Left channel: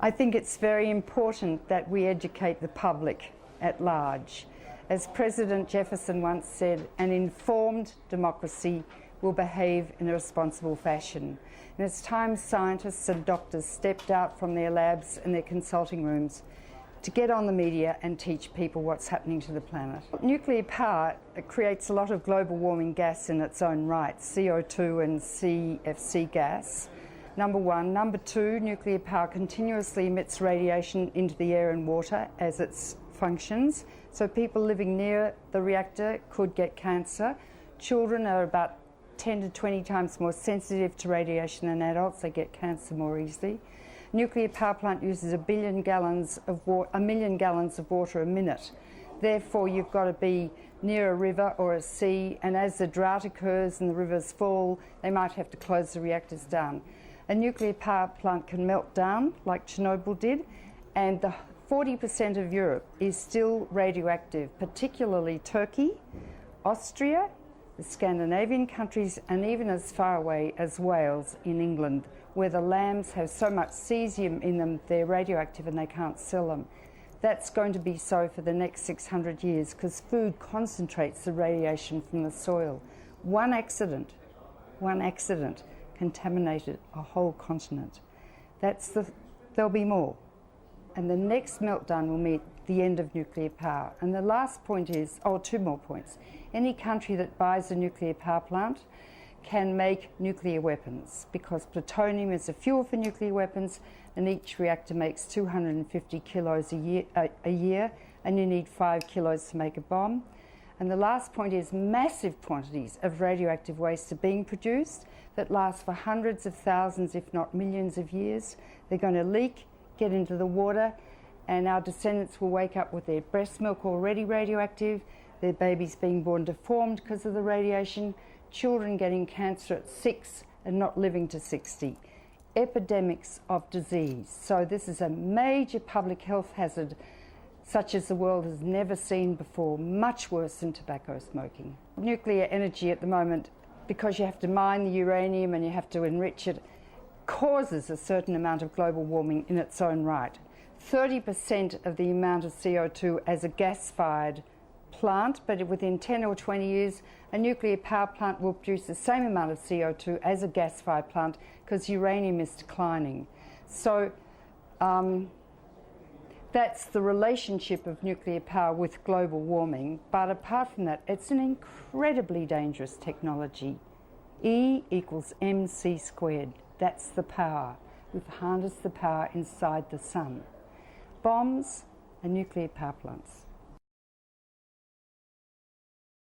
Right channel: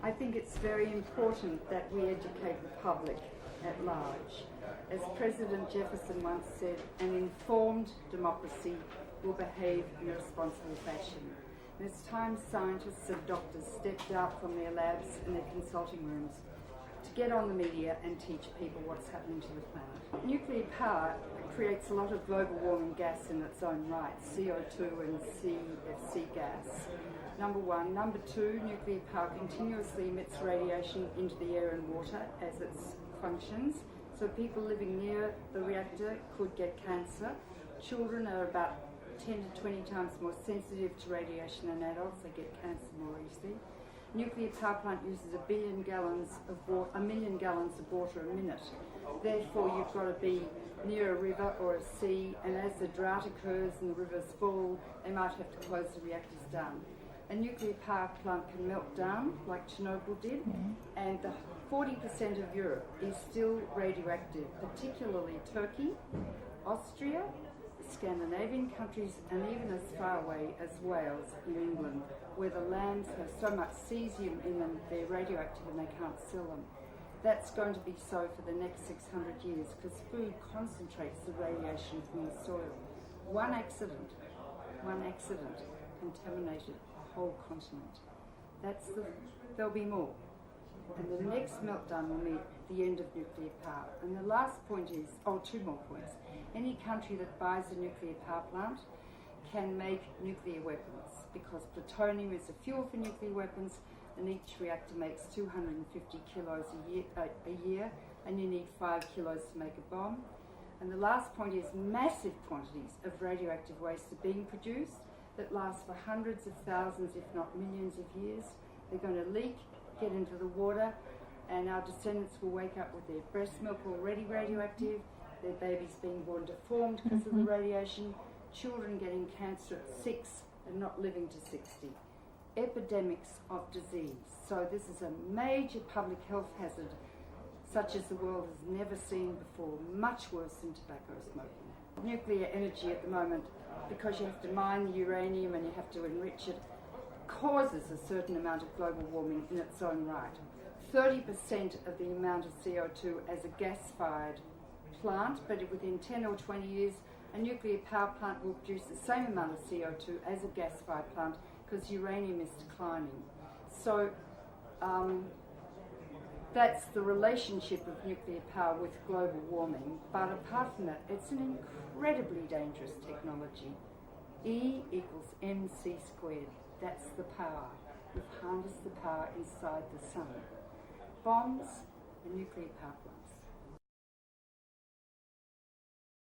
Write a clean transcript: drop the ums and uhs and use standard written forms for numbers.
I think it's very important that we educate the public at large. As President Jefferson once said, an informed democracy will behave in a responsible fashion. And it's time scientists and doctors stepped out from their labs and their consulting rooms to get on the media and teach people what's happening to the planet. Nuclear power creates a lot of global warming gas in its own right, CO2 and CFC gas, number one. Number two, nuclear power continuously emits radiation into the air and water as it functions, so people living near the reactor could get cancer. Children are about 10 to 20 times more sensitive to radiation than adults. They get cancer more easily. Nuclear power plant uses 1 million gallons of water a minute. Therefore, you've got to be near a river or a sea, and as the drought occurs and the rivers fall, they might have to close the reactors down. A nuclear power plant can melt down, like Chernobyl did, and the 40% of Europe is still radioactive, particularly Turkey, Austria, the Scandinavian countries, and even as far away as Wales in England, where the lambs have so much cesium in them, they're radioactive and they can't sell them. That's going to be so for the next 600 years because food concentrates the radiation from the soil. One accident contaminated a whole continent. There'll be more. And the next meltdown will meet the end of nuclear power. And the last point is, two more points. Any country that buys a nuclear power plant can make nuclear weapons because plutonium is a fuel for nuclear weapons, and each reactor makes 250 kilos a year, and you need 5 kilos to make a bomb. And the last point is massive quantities of radioactive waste are being produced that last for hundreds of thousands, if not millions of years. They're going to leak, get into the water, and our descendants will wake up with their breast milk already radioactive, their babies being born deformed because of the radiation, children getting cancer at 6 and not living to 60. Epidemics of disease. So this is a major public health hazard such as the world has never seen before, much worse than tobacco smoking. Nuclear energy at the moment, because you have to mine the uranium and you have to enrich it, causes a certain amount of global warming in its own right. 30% of the amount of CO2 as a gas-fired plant, but within 10 or 20 years, a nuclear power plant will produce the same amount of CO2 as a gas-fired plant because uranium is declining. So that's the relationship of nuclear power with global warming. But apart from that, it's an incredibly dangerous technology. E equals mc squared. That's the power. We've harnessed the power inside the sun. Bombs and nuclear power plants.